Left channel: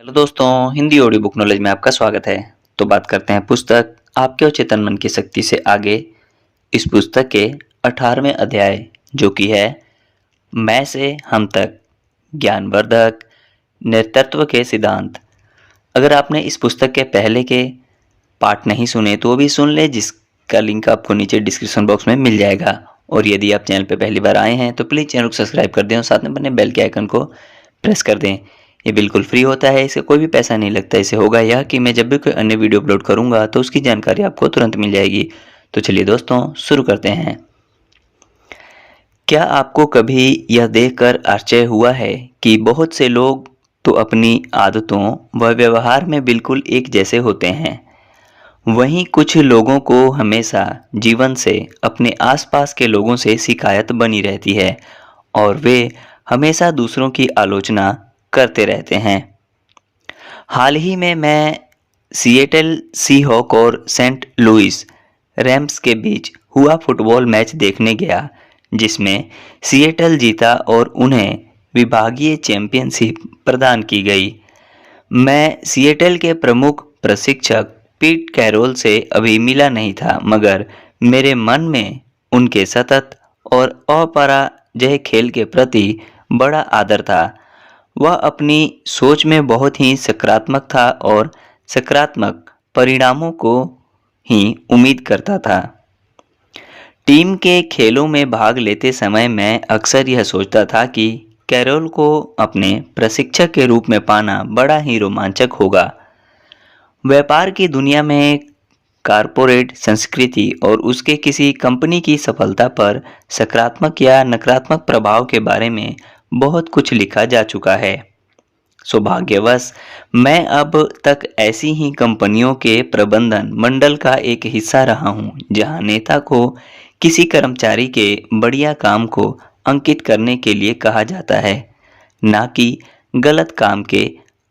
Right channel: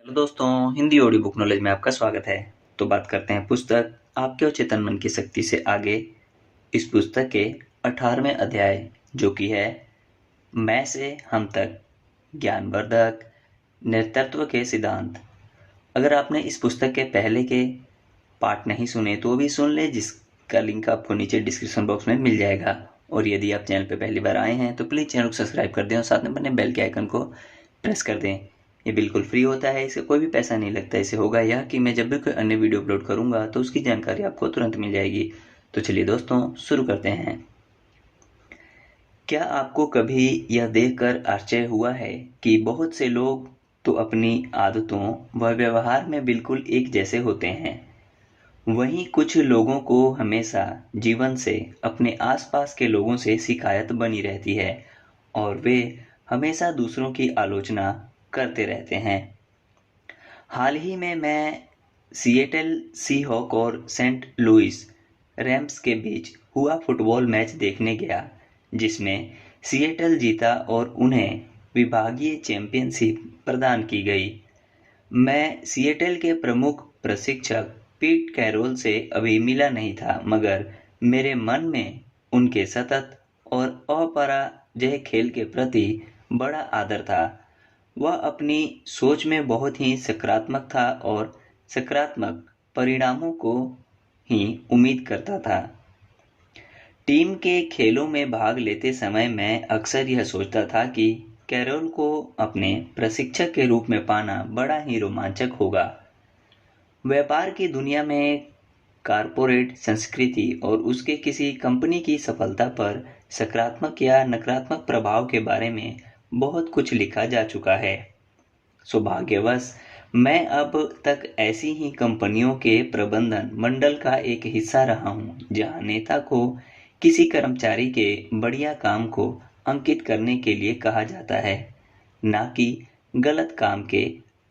Hello दोस्तों, Hindi audio book knowledge में आपका स्वागत है। तो बात करते हैं पुस्तक आपके और चेतन मन की शक्ति से आगे। इस पुस्तक के 18वें अध्याय जो कि है मैं से हम तक, ज्ञानवर्धक नेतृत्व के सिद्धांत। अगर आपने इस पुस्तक के पहले के पार्ट नहीं सुने तो भी सुन ले, जिसका लिंक आपको नीचे डिस्क्रिप्शन बॉक्स में मिल जाएगा। और यदि आप चैनल पर पहली बार आए हैं तो प्लीज़ चैनल को सब्सक्राइब कर दें और साथ में बने बेल के आइकन को प्रेस कर दें। ये बिल्कुल फ्री होता है, इससे कोई भी पैसा नहीं लगता। इससे होगा यह कि मैं जब भी कोई अन्य वीडियो अपलोड करूंगा तो उसकी जानकारी आपको तुरंत मिल जाएगी। तो चलिए दोस्तों, शुरू करते हैं। क्या आपको कभी यह देखकर आश्चर्य हुआ है कि बहुत से लोग तो अपनी आदतों व व्यवहार में बिल्कुल एक जैसे होते हैं, वहीं कुछ लोगों को हमेशा जीवन से, अपने आसपास के लोगों से शिकायत बनी रहती है और वे हमेशा दूसरों की आलोचना करते रहते हैं। हाल ही में मैं सिएटल सीहॉक और सेंट लुइस रैम्स के बीच हुआ फुटबॉल मैच देखने गया, जिसमें सिएटल जीता और उन्हें विभागीय चैंपियनशिप प्रदान की गई। मैं सिएटल के प्रमुख प्रशिक्षक पीट कैरोल से अभी मिला नहीं था, मगर मेरे मन में उनके सतत और अपराजेय खेल के प्रति बड़ा आदर था। वह अपनी सोच में बहुत ही सकारात्मक था और सकारात्मक परिणामों को ही उम्मीद करता था। टीम के खेलों में भाग लेते समय मैं अक्सर यह सोचता था कि कैरोल को अपने प्रशिक्षक के रूप में पाना बड़ा ही रोमांचक होगा। व्यापार की दुनिया में कॉरपोरेट संस्कृति और उसके किसी कंपनी की सफलता पर सकारात्मक या नकारात्मक प्रभाव के बारे में बहुत कुछ लिखा जा चुका है। सौभाग्यवश मैं अब तक ऐसी ही कंपनियों के प्रबंधन मंडल का एक हिस्सा रहा हूं, जहां नेता को किसी कर्मचारी के बढ़िया काम को अंकित करने के लिए कहा जाता है, ना कि गलत काम के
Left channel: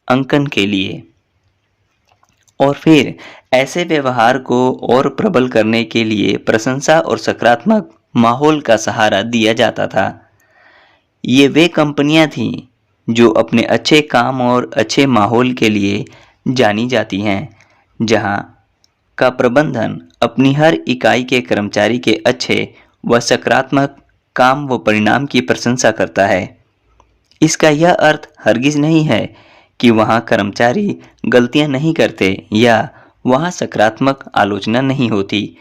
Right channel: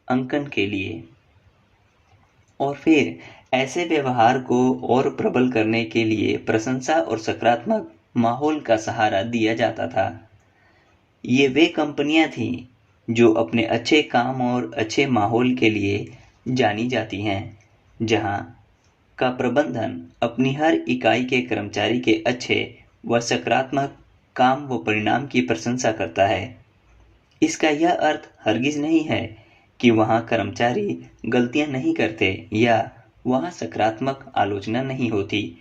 अंकन के लिए। और फिर ऐसे व्यवहार को और प्रबल करने के लिए प्रशंसा और सकारात्मक माहौल का सहारा दिया जाता था। ये वे कंपनियां थीं जो अपने अच्छे काम और अच्छे माहौल के लिए जानी जाती हैं, जहां का प्रबंधन अपनी हर इकाई के कर्मचारी के अच्छे व सकारात्मक काम व परिणाम की प्रशंसा करता है। इसका यह अर्थ हरगिज नहीं है कि वहां कर्मचारी गलतियां नहीं करते या वहां सकारात्मक आलोचना नहीं होती।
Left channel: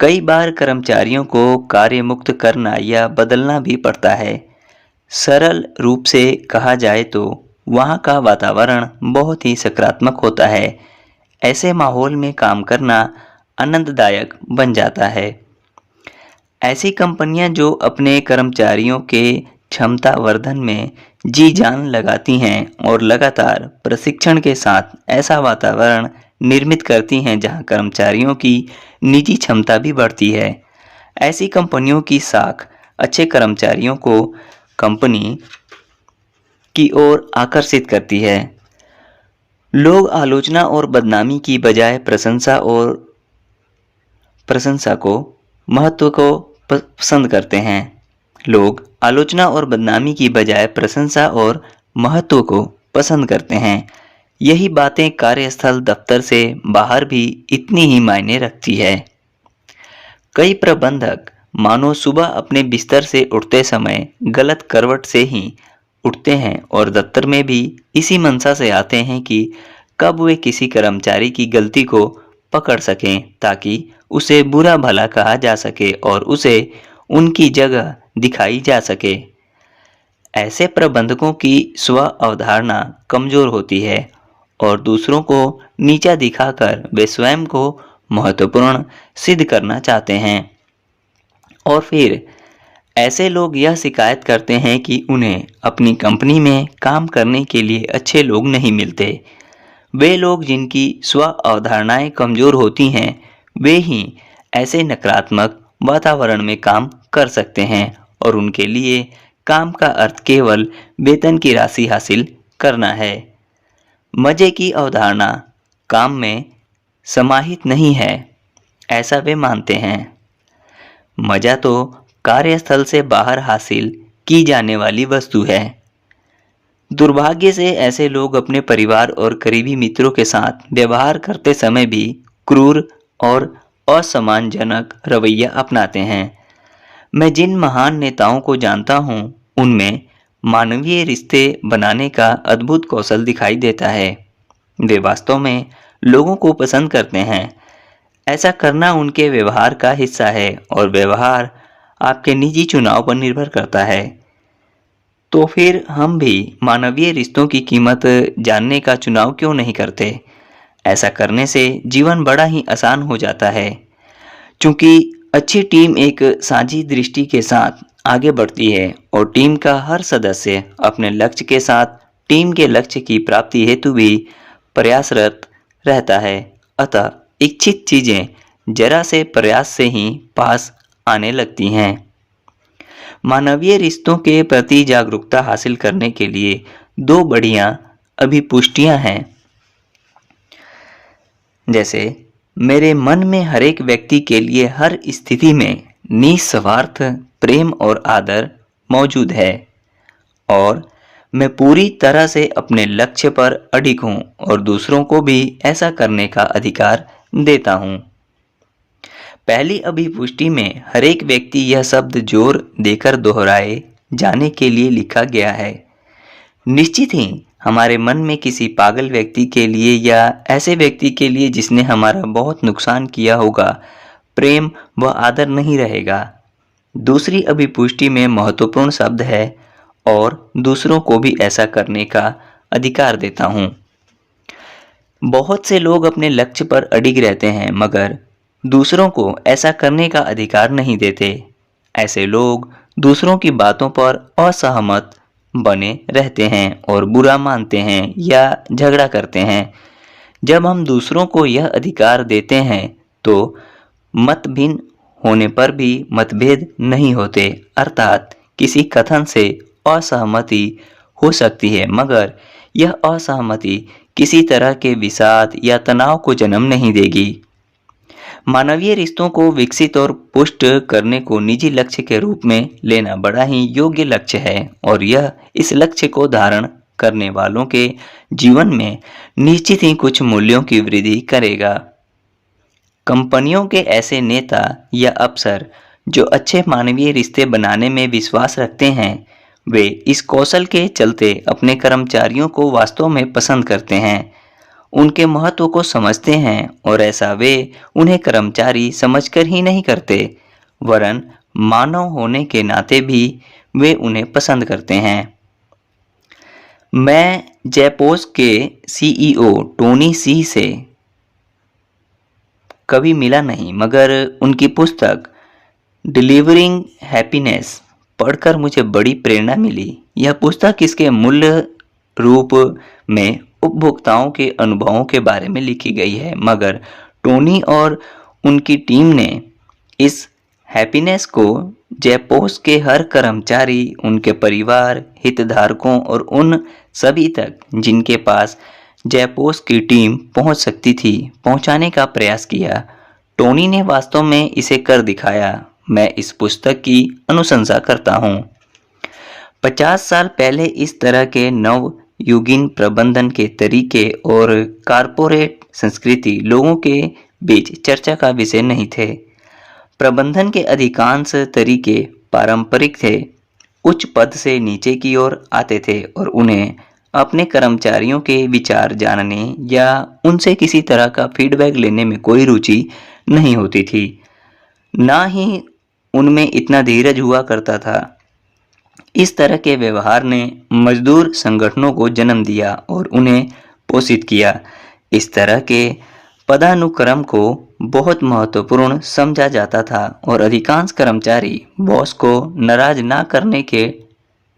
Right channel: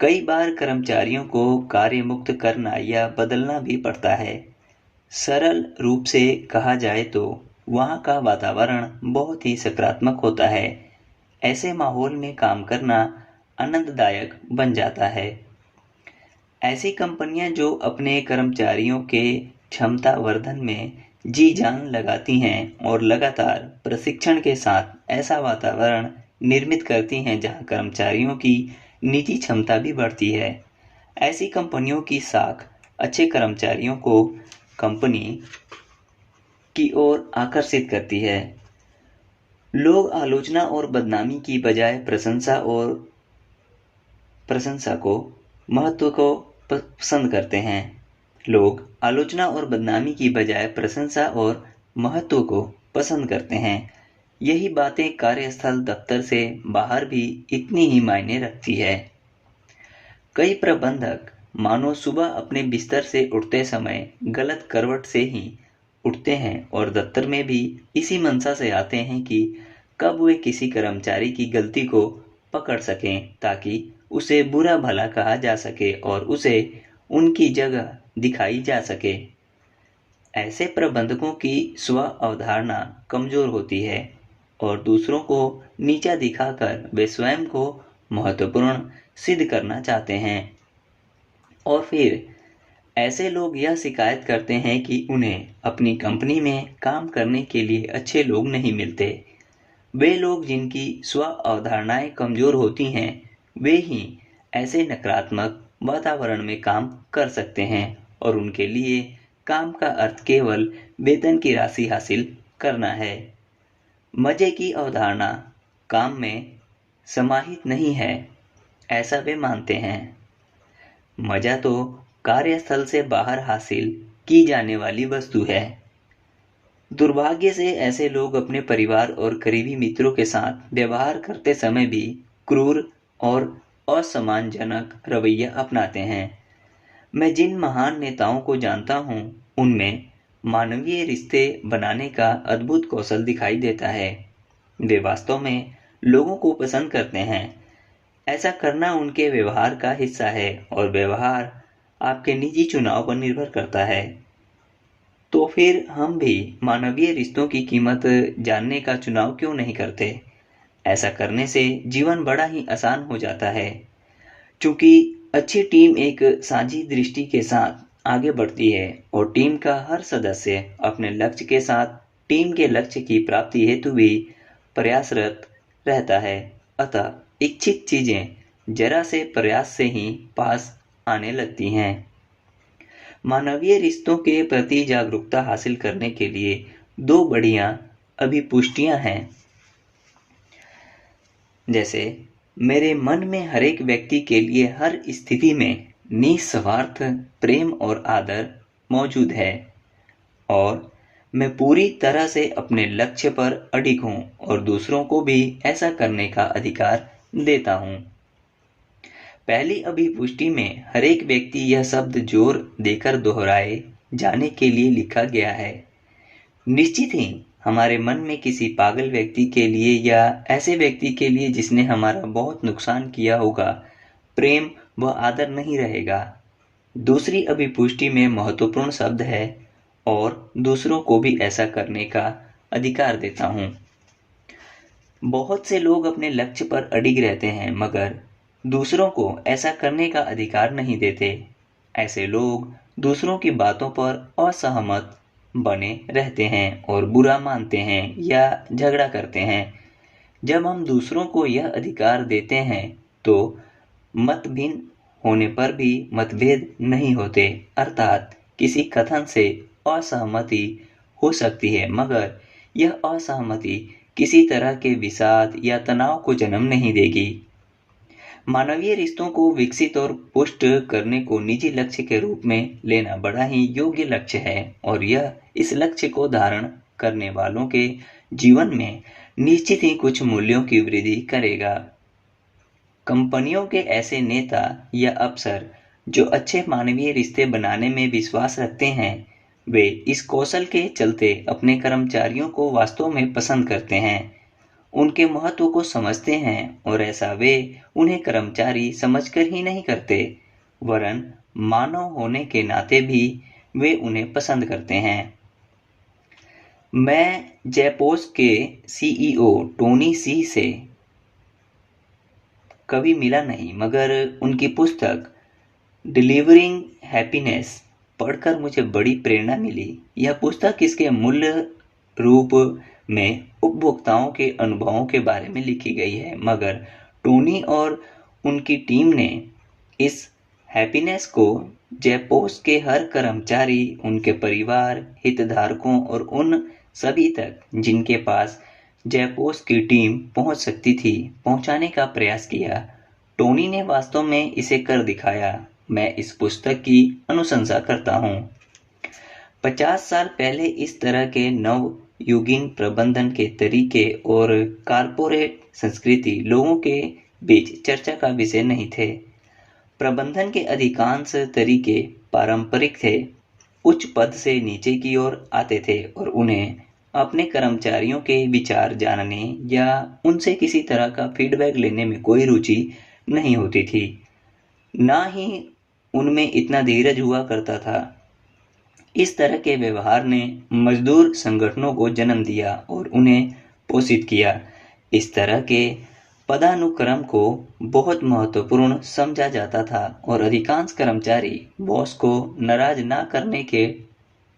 कई बार कर्मचारियों को कार्य मुक्त करना या बदलना भी पड़ता है। सरल रूप से कहा जाए तो वहाँ का वातावरण बहुत ही सकारात्मक होता है। ऐसे माहौल में काम करना आनंददायक बन जाता है। ऐसी कंपनियां जो अपने कर्मचारियों के क्षमता वर्धन में जी जान लगाती हैं और लगातार प्रशिक्षण के साथ ऐसा वातावरण निर्मित करती हैं जहां कर्मचारियों की निजी क्षमता भी बढ़ती है। ऐसी कंपनियों की साख अच्छे कर्मचारियों को कंपनी की ओर आकर्षित करती है। लोग आलोचना और बदनामी की बजाय प्रशंसा को महत्व को पसंद करते हैं। लोग आलोचना और बदनामी की बजाय प्रशंसा और महत्व को पसंद करते हैं। यही बातें कार्यस्थल दफ्तर से बाहर भी इतनी ही मायने रखती है। कई प्रबंधक मानो सुबह अपने बिस्तर से उठते समय गलत करवट से ही उठते हैं और दफ्तर में भी इसी मंशा से आते हैं कि कब वे किसी कर्मचारी की गलती को पकड़ सकें, ताकि उसे बुरा भला कहा जा सके और उसे उनकी जगह दिखाई जा सके। ऐसे प्रबंधकों की स्व अवधारणा कमजोर होती है और दूसरों को नीचा दिखाकर वे स्वयं को महत्वपूर्ण सिद्ध करना चाहते हैं। और फिर ऐसे लोग यह शिकायत करते हैं कि उन्हें अपनी कंपनी में काम करने के लिए अच्छे लोग नहीं मिलते। वे लोग जिनकी स्व अवधारणाएं कमजोर होती हैं, वे ही ऐसे नकारात्मक वातावरण में काम कर सकते हैं और उनके लिए काम का अर्थ केवल वेतन की राशि हासिल करना है। मजे की अवधारणा काम में समाहित नहीं है, ऐसा वे मानते हैं। मजा तो कार्यस्थल से बाहर हासिल की जाने वाली वस्तु है। दुर्भाग्य से ऐसे लोग अपने परिवार और करीबी मित्रों के साथ व्यवहार करते समय भी क्रूर और असम्मानजनक रवैया अपनाते हैं। मैं जिन महान नेताओं को जानता हूँ, उनमें मानवीय रिश्ते बनाने का अद्भुत कौशल दिखाई देता है। वे वास्तव में लोगों को पसंद करते हैं। ऐसा करना उनके व्यवहार का हिस्सा है और व्यवहार आपके निजी चुनाव पर निर्भर करता है। तो फिर हम भी मानवीय रिश्तों की कीमत जानने का चुनाव क्यों नहीं करते? ऐसा करने से जीवन बड़ा ही आसान हो जाता है। चूंकि अच्छी टीम एक साझी दृष्टि के साथ आगे बढ़ती है और टीम का हर सदस्य अपने लक्ष्य के साथ टीम के लक्ष्य की प्राप्ति हेतु भी प्रयासरत रहता है। अतः इच्छित चीजें जरा से प्रयास से ही पास आने लगती हैं। मानवीय रिश्तों के प्रति जागरूकता हासिल करने के लिए दो बढ़िया अभिपुष्टियां हैं। जैसे, मेरे मन में हर एक व्यक्ति के लिए हर स्थिति में निस्वार्थ प्रेम और आदर मौजूद है और मैं पूरी तरह से अपने लक्ष्य पर अडिग हूँ और दूसरों को भी ऐसा करने का अधिकार देता हूँ। पहली अभिपुष्टि में हर एक व्यक्ति यह शब्द जोर देकर दोहराए जाने के लिए लिखा गया है। निश्चित ही हमारे मन में किसी पागल व्यक्ति के लिए या ऐसे व्यक्ति के लिए जिसने हमारा बहुत नुकसान किया होगा, प्रेम व आदर नहीं रहेगा। दूसरी अभिपुष्टि में महत्वपूर्ण शब्द है और दूसरों को भी ऐसा करने का अधिकार देता हूँ। बहुत से लोग अपने लक्ष्य पर अडिग रहते हैं मगर दूसरों को ऐसा करने का अधिकार नहीं देते। ऐसे लोग दूसरों की बातों पर असहमत बने रहते हैं और बुरा मानते हैं या झगड़ा करते हैं। जब हम दूसरों को यह अधिकार देते हैं तो मत भिन्न होने पर भी मतभेद नहीं होते, अर्थात किसी कथन से असहमति हो सकती है मगर यह असहमति किसी तरह के विषाद या तनाव को जन्म नहीं देगी। मानवीय रिश्तों को विकसित और पुष्ट करने को निजी लक्ष्य के रूप में लेना बड़ा ही योग्य लक्ष्य है और यह इस लक्ष्य को धारण करने वालों के जीवन में निश्चित ही कुछ मूल्यों की वृद्धि करेगा। कंपनियों के ऐसे नेता या अफसर जो अच्छे मानवीय रिश्ते बनाने में विश्वास रखते हैं, वे इस कौशल के चलते अपने कर्मचारियों को वास्तव में पसंद करते हैं, उनके महत्व को समझते हैं और ऐसा वे उन्हें कर्मचारी समझकर ही नहीं करते, वरन मानव होने के नाते भी वे उन्हें पसंद करते हैं। मैं जेपोस के सीईओ टोनी सी से कभी मिला नहीं मगर उनकी पुस्तक डिलीवरिंग हैप्पीनेस पढ़कर मुझे बड़ी प्रेरणा मिली। यह पुस्तक इसके मूल्य रूप में उपभोक्ताओं के अनुभवों के बारे में लिखी गई है, मगर टोनी और उनकी टीम ने इस हैप्पीनेस को जेपोस के हर कर्मचारी, उनके परिवार, हितधारकों और उन सभी तक जिनके पास जेपोस की टीम पहुंच सकती थी, पहुंचाने का प्रयास किया। टोनी ने वास्तव में इसे कर दिखाया। मैं इस पुस्तक की अनुशंसा करता हूं। 50 साल पहले इस तरह के नवयुगीन प्रबंधन के तरीके और कारपोरेट संस्कृति लोगों के बीच चर्चा का विषय नहीं थे। प्रबंधन के अधिकांश तरीके पारंपरिक थे, उच्च पद से नीचे की ओर आते थे और उन्हें अपने कर्मचारियों के विचार जानने या उनसे किसी तरह का फीडबैक लेने में कोई रुचि नहीं होती थी। ना ही उनमें इतना धीरज हुआ करता था। इस तरह के व्यवहार ने मजदूर संगठनों को जन्म दिया और उन्हें पोषित किया। इस तरह के पदानुक्रम को बहुत महत्वपूर्ण समझा जाता था और अधिकांश कर्मचारी बॉस को नाराज ना करने के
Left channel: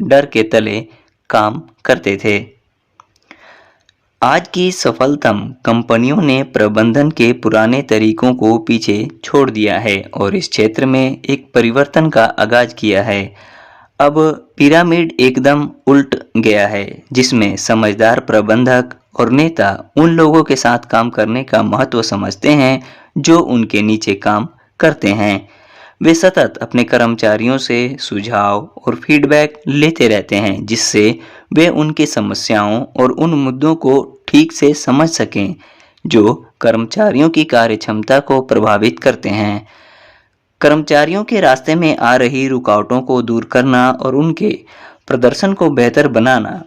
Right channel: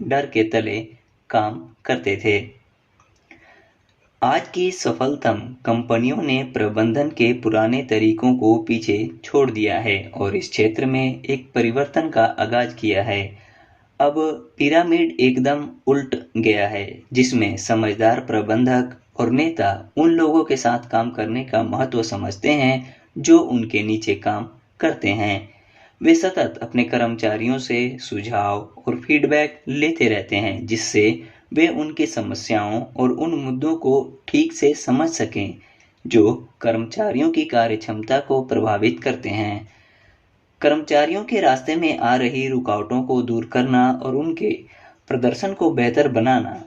डर के तले काम करते थे। आज की सफलतम कंपनियों ने प्रबंधन के पुराने तरीकों को पीछे छोड़ दिया है और इस क्षेत्र में एक परिवर्तन का आगाज किया है। अब पिरामिड एकदम उल्ट गया है, जिसमें समझदार प्रबंधक और नेता उन लोगों के साथ काम करने का महत्व समझते हैं जो उनके नीचे काम करते हैं। वे सतत अपने कर्मचारियों से सुझाव और फीडबैक लेते रहते हैं, जिससे वे उनकी समस्याओं और उन मुद्दों को ठीक से समझ सकें जो कर्मचारियों की कार्यक्षमता को प्रभावित करते हैं। कर्मचारियों के रास्ते में आ रही रुकावटों को दूर करना और उनके प्रदर्शन को बेहतर बनाना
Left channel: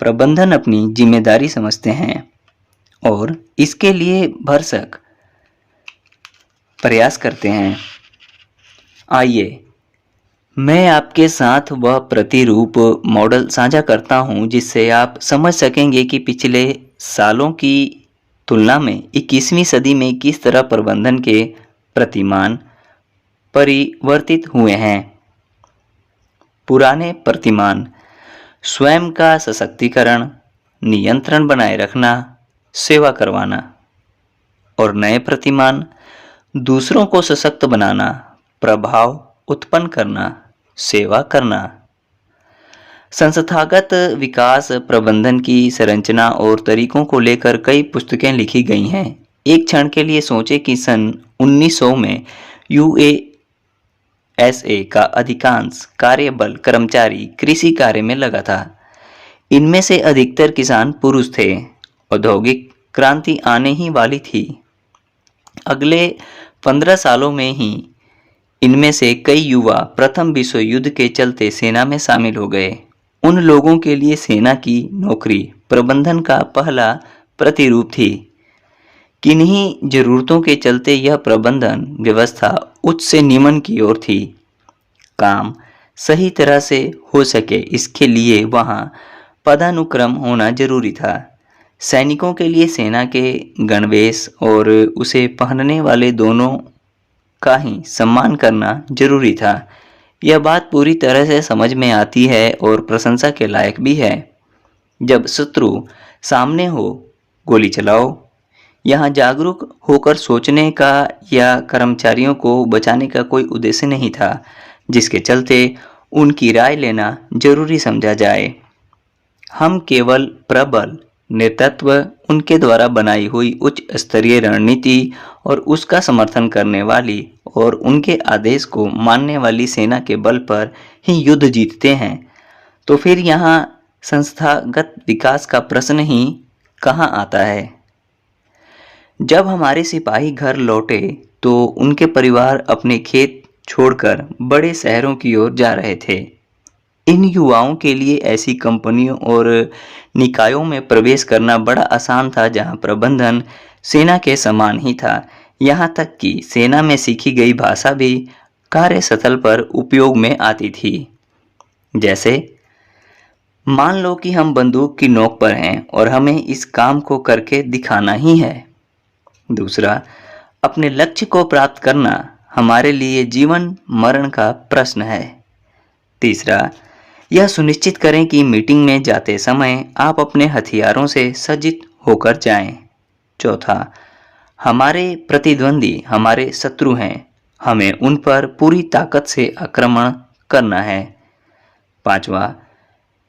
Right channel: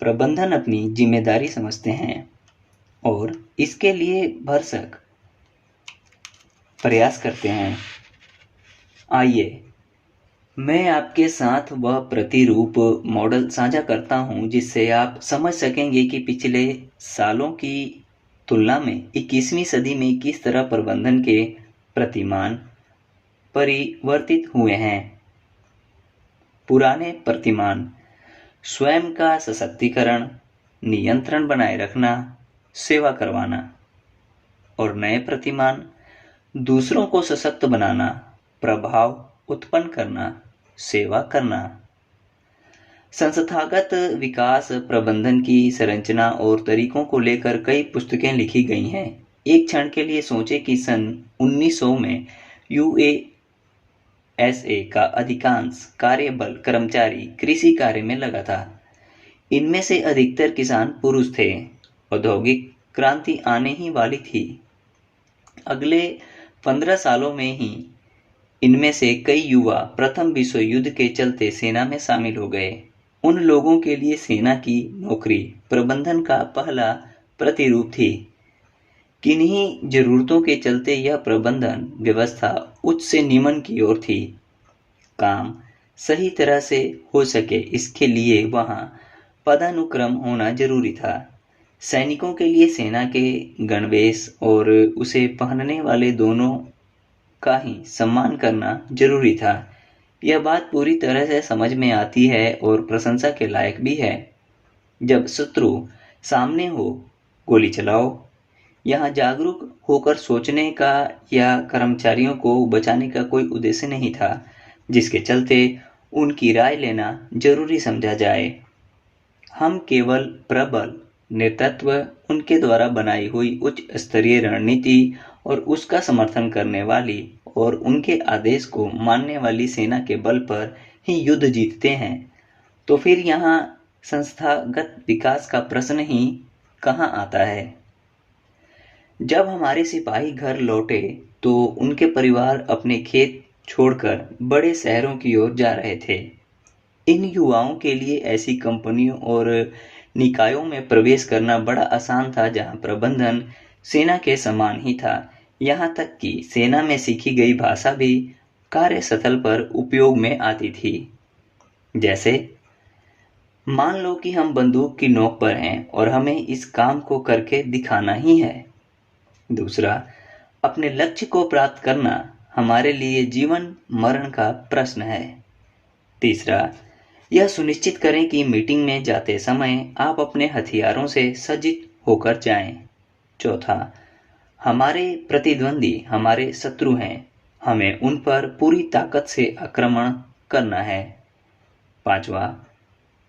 प्रबंधन अपनी जिम्मेदारी समझते हैं और इसके लिए भरसक प्रयास करते हैं। आइए मैं आपके साथ वह प्रतिरूप मॉडल साझा करता हूं, जिससे आप समझ सकेंगे कि पिछले सालों की तुलना में 21वीं सदी में किस तरह प्रबंधन के प्रतिमान परिवर्तित हुए हैं। पुराने प्रतिमान स्वयं का सशक्तिकरण, नियंत्रण बनाए रखना, सेवा करवाना, और नए प्रतिमान दूसरों को सशक्त बनाना, प्रभाव उत्पन्न करना, सेवा करना। संस्थागत विकास प्रबंधन की संरचना और तरीकों को लेकर कई पुस्तकें लिखी गई हैं। एक क्षण के लिए सोचें कि सन 1900 में यूएसए का अधिकांश कार्यबल कर्मचारी कृषि कार्य में लगा था। इनमें से अधिकतर किसान पुरुष थे। औद्योगिक क्रांति आने ही वाली थी। अगले 15 सालों में ही इनमें से कई युवा प्रथम विश्व युद्ध के चलते सेना में शामिल हो गए। उन लोगों के लिए सेना की नौकरी प्रबंधन का पहला प्रतिरूप थी। किन्हीं जरूरतों के चलते यह प्रबंधन व्यवस्था उच्च से निम्न की ओर थी। काम सही तरह से हो सके, इसके लिए वहां पदानुक्रम होना जरूरी था। सैनिकों के लिए सेना के गणवेश और उसे पहनने वाले दोनों का ही सम्मान करना जरूरी था। यह बात पूरी तरह से समझ में आती है और प्रशंसा के लायक भी है। जब शत्रु सामने हो, गोली चलाओ। यहाँ जागरूक होकर सोचने का या कर्मचारियों को बचाने का कोई उद्देश्य नहीं था, जिसके चलते उनकी राय लेना जरूरी समझा जाए। हम केवल प्रबल नेतृत्व, उनके द्वारा बनाई हुई उच्च स्तरीय रणनीति और उसका समर्थन करने वाली और उनके आदेश को मानने वाली सेना के बल पर ही युद्ध जीतते हैं। तो फिर यहाँ संस्थागत विकास का प्रश्न ही कहाँ आता है। जब हमारे सिपाही घर लौटे तो उनके परिवार अपने खेत छोड़कर बड़े शहरों की ओर जा रहे थे। इन युवाओं के लिए ऐसी कंपनियों और निकायों में प्रवेश करना बड़ा आसान था, जहां प्रबंधन सेना के समान ही था। यहां तक कि सेना में सीखी गई भाषा भी कार्यस्थल पर उपयोग में आती थी। जैसे मान लो कि हम बंदूक की नोक पर हैं और हमें इस काम को करके दिखाना ही है। दूसरा, अपने लक्ष्य को प्राप्त करना हमारे लिए जीवन मरण का प्रश्न है। तीसरा, यह सुनिश्चित करें कि मीटिंग में जाते समय आप अपने हथियारों से सज्जित होकर जाएं। चौथा, हमारे प्रतिद्वंदी हमारे शत्रु हैं, हमें उन पर पूरी ताकत से आक्रमण करना है। पांचवा,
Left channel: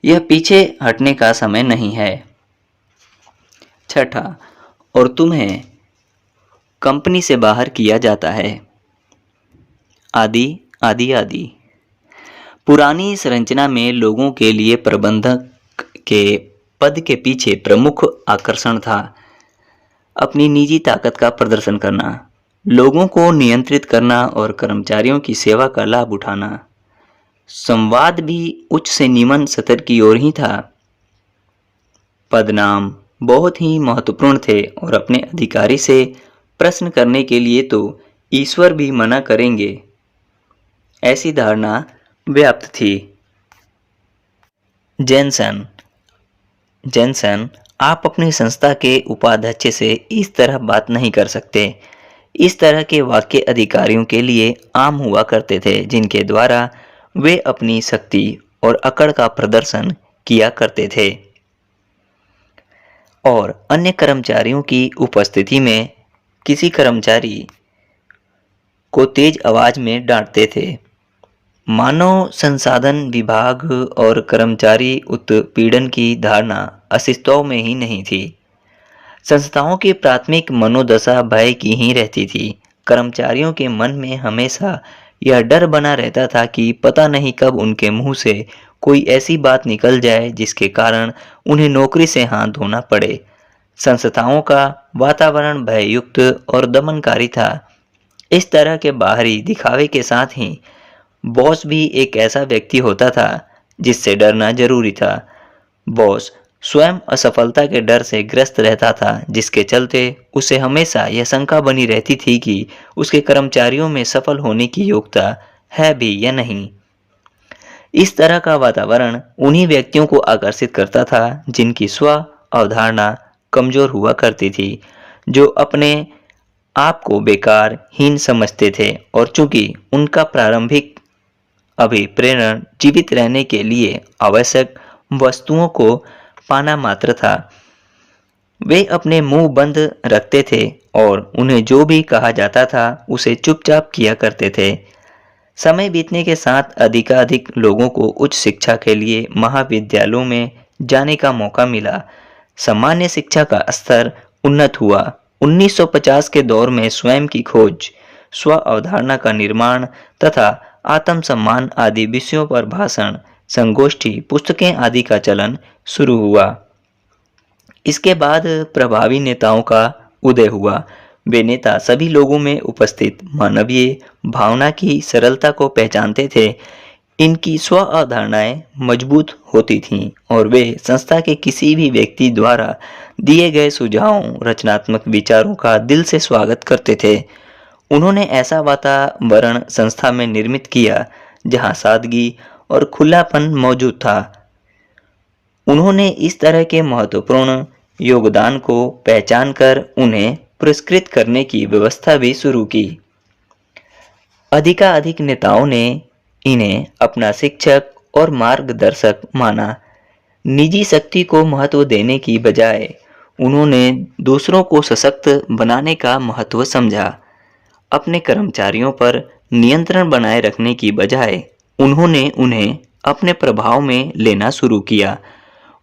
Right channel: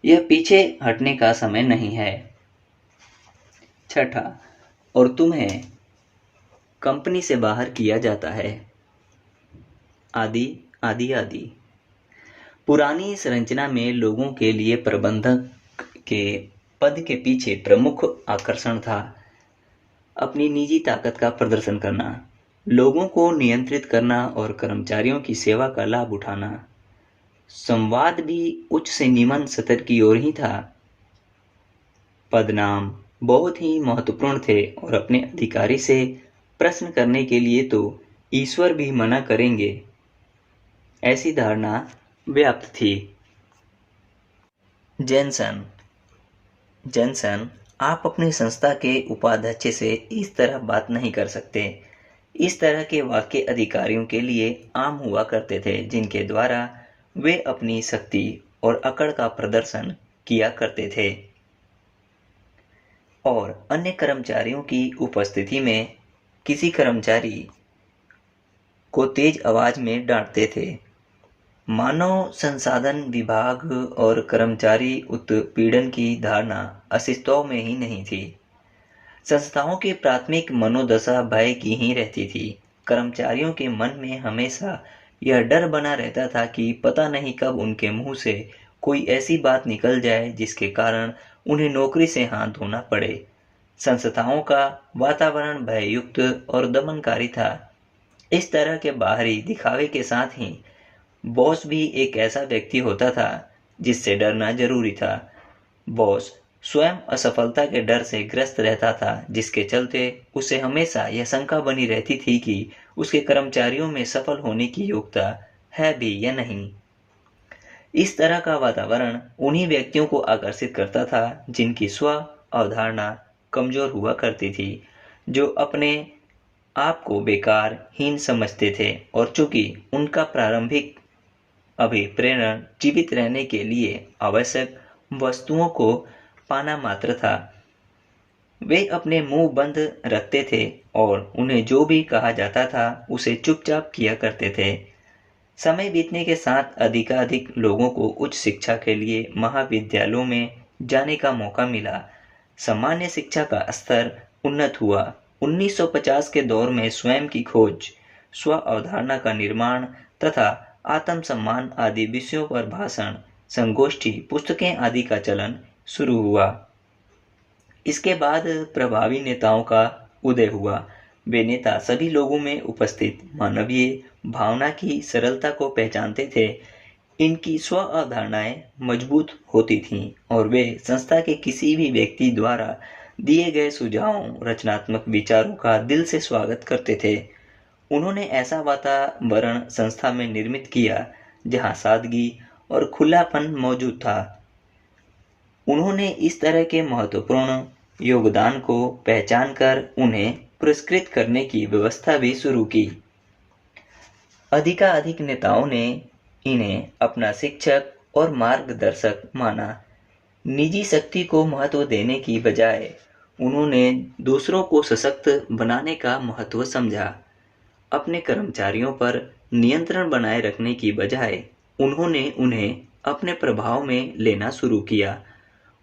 यह पीछे हटने का समय नहीं है। छठा, और तुम्हें कंपनी से बाहर किया जाता है। आदि आदि आदि। पुरानी संरचना में लोगों के लिए प्रबंधक के पद के पीछे प्रमुख आकर्षण था अपनी निजी ताकत का प्रदर्शन करना, लोगों को नियंत्रित करना और कर्मचारियों की सेवा का लाभ उठाना। संवाद भी उच्च से निम्न स्तर की ओर ही था। पदनाम बहुत ही महत्वपूर्ण थे और अपने अधिकारी से प्रश्न करने के लिए तो ईश्वर भी मना करेंगे, ऐसी धारणा व्याप्त थी। जेनसन, आप अपनी संस्था के उपाध्यक्ष से इस तरह बात नहीं कर सकते। इस तरह के वाक्य अधिकारियों के लिए आम हुआ करते थे, जिनके द्वारा वे अपनी शक्ति और अकड़ का प्रदर्शन किया करते थे और अन्य कर्मचारियों की उपस्थिति में किसी कर्मचारी को तेज आवाज में डांटते थे। मानव संसाधन विभाग और कर्मचारी उत्पीड़न की धारणा अस्तित्व में ही नहीं थी। संस्थाओं की प्राथमिक मनोदशा भय की ही रहती थी। कर्मचारियों के मन में हमेशा यह डर बना रहता था कि पता नहीं कब उनके मुंह से कोई ऐसी बात निकल जाए जिसके कारण उन्हें नौकरी से हाथ धोना पड़े। संस्थाओं का वातावरण भययुक्त और दमनकारी था। इस तरह के बाहरी दिखावे के साथ ही बॉस भी एक ऐसा व्यक्ति होता था जिससे डरना जरूरी था। बॉस स्वयं असफलता के डर से ग्रस्त रहता था, जिसके चलते उसे हमेशा यह शंका बनी रहती थी कि उसके कर्मचारियों में सफल होने की योग्यता है भी या नहीं। इस तरह का वातावरण उन्हीं व्यक्तियों को आकर्षित करता था जिनकी स्व अवधारणा कमजोर हुआ करती थी, जो अपने आप को बेकार हीन समझते थे और चूंकि उनका प्रारंभिक अभिप्रेरण जीवित रहने के लिए आवश्यक वस्तुओं को पाना मात्र था, वे अपने मुंह बंद रखते थे और उन्हें जो भी कहा जाता था उसे चुपचाप किया करते थे। समय बीतने के साथ अधिकाधिक लोगों को उच्च शिक्षा के लिए महाविद्यालयों में जाने का मौका मिला। सामान्य शिक्षा का स्तर उन्नत हुआ। 1950 के दौर में स्वयं की खोज, स्व अवधारणा का निर्माण तथा आत्मसम्मान आदि विषयों पर भाषण, संगोष्ठी, पुस्तकें आदि का चलन शुरू हुआ। इसके बाद प्रभावी नेताओं का उदय हुआ। वे नेता सभी लोगों में उपस्थित मानवीय भावना की सरलता को पहचानते थे। इनकी स्व अवधारणाएं मजबूत होती थीं और वे संस्था के किसी भी व्यक्ति द्वारा दिए गए सुझावों, रचनात्मक विचारों का दिल से स्वागत करते थे। उन्होंने ऐसा वातावरण संस्था में निर्मित किया जहां सादगी और खुलापन मौजूद था। उन्होंने इस तरह के महत्वपूर्ण योगदान को पहचान कर उन्हें पुरस्कृत करने की व्यवस्था भी शुरू की। अधिकाधिक नेताओं ने इन्हें अपना शिक्षक और मार्गदर्शक माना। निजी शक्ति को महत्व देने की बजाय उन्होंने दूसरों को सशक्त बनाने का महत्व समझा। अपने कर्मचारियों पर नियंत्रण बनाए रखने की बजाय उन्होंने उन्हें अपने प्रभाव में लेना शुरू किया।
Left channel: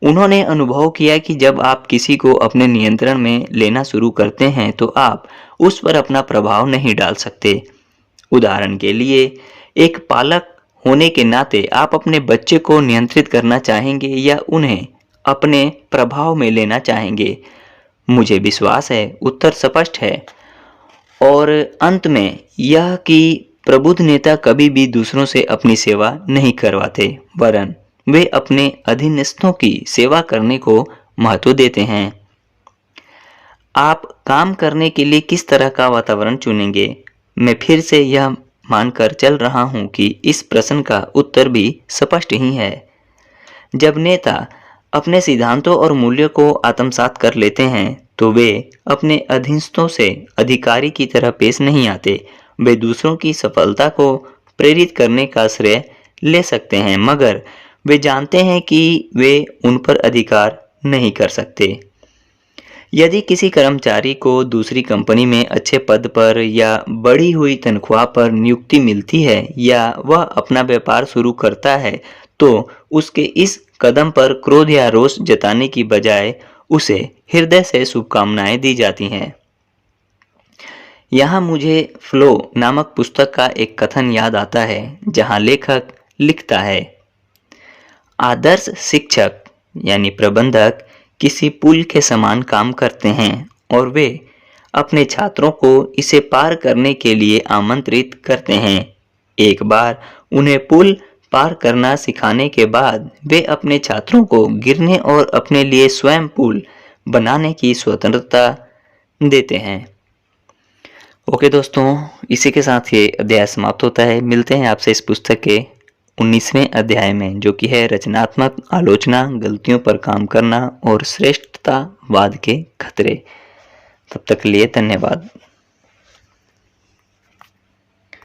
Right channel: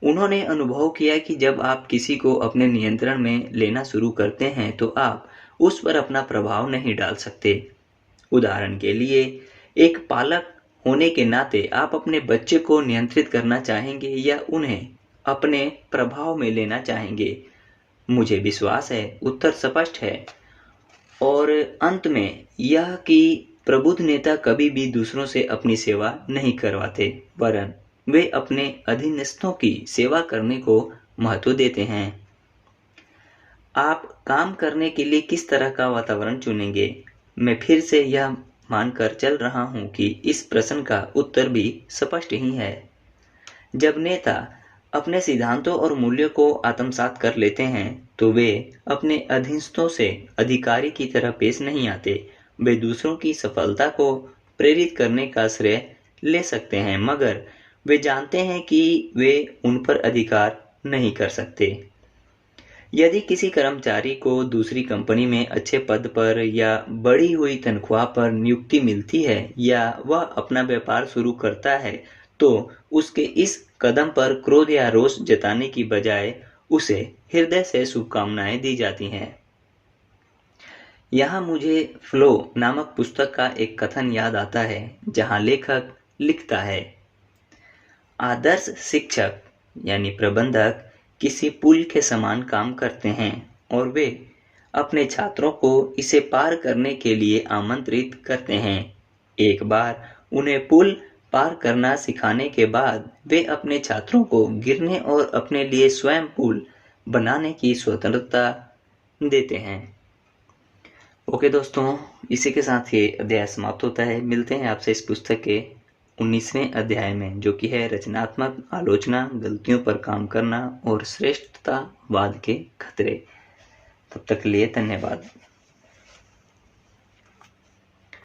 उन्होंने अनुभव किया कि जब आप किसी को अपने नियंत्रण में लेना शुरू करते हैं तो आप उस पर अपना प्रभाव नहीं डाल सकते। उदाहरण के लिए, एक पालक होने के नाते आप अपने बच्चे को नियंत्रित करना चाहेंगे या उन्हें अपने प्रभाव में लेना चाहेंगे? मुझे विश्वास है उत्तर स्पष्ट है। और अंत में यह कि प्रबुद्ध नेता कभी भी दूसरों से अपनी सेवा नहीं करवाते, वरन वे अपने अधीनस्थों की सेवा करने को महत्व देते हैं। आप काम करने के लिए किस तरह का वातावरण चुनेंगे? मैं फिर से यह मानकर चल रहा हूं कि इस प्रश्न का उत्तर भी स्पष्ट ही है। जब नेता अपने सिद्धांतों और मूल्यों को आत्मसात कर लेते हैं तो वे अपने अधीनस्थों से अधिकारी की तरह पेश नहीं आते। वे दूसरों की सफलता को प्रेरित करने का श्रेय ले सकते हैं, मगर वे जानते हैं कि वे उन पर अधिकार नहीं कर सकते। यदि किसी कर्मचारी को दूसरी कंपनी में अच्छे पद पर या बढ़ी हुई तनख्वाह पर नियुक्ति मिलती है या वह अपना व्यापार शुरू करता है तो उसके इस कदम पर क्रोध या रोष जताने की बजाय उसे हृदय से शुभकामनाएं दी जाती हैं। यहाँ मुझे फ्लो नामक पुस्तक का एक कथन याद आता है जहाँ लेखक लिखता है, आदर्श शिक्षक यानी प्रबंधक किसी पुल के समान काम करते हैं और वे अपने छात्रों को इसे पार करने के लिए आमंत्रित करते हैं। एक बार उन्हें पुल पार करना सिखाने के बाद वे अपने छात्रों को गिरने और अपने लिए स्वयं पुल बनाने की स्वतंत्रता देते हैं। ओके दोस्तों, इसी के साथ ये अध्याय समाप्त होता है। मिलते हैं आपसे इस पुस्तक के 19वें अध्याय में, जो कि है रचनात्मक आलोचना, गलतियों पर काम करना और श्रेष्ठतावाद के खतरे। तब तक के लिए धन्यवाद।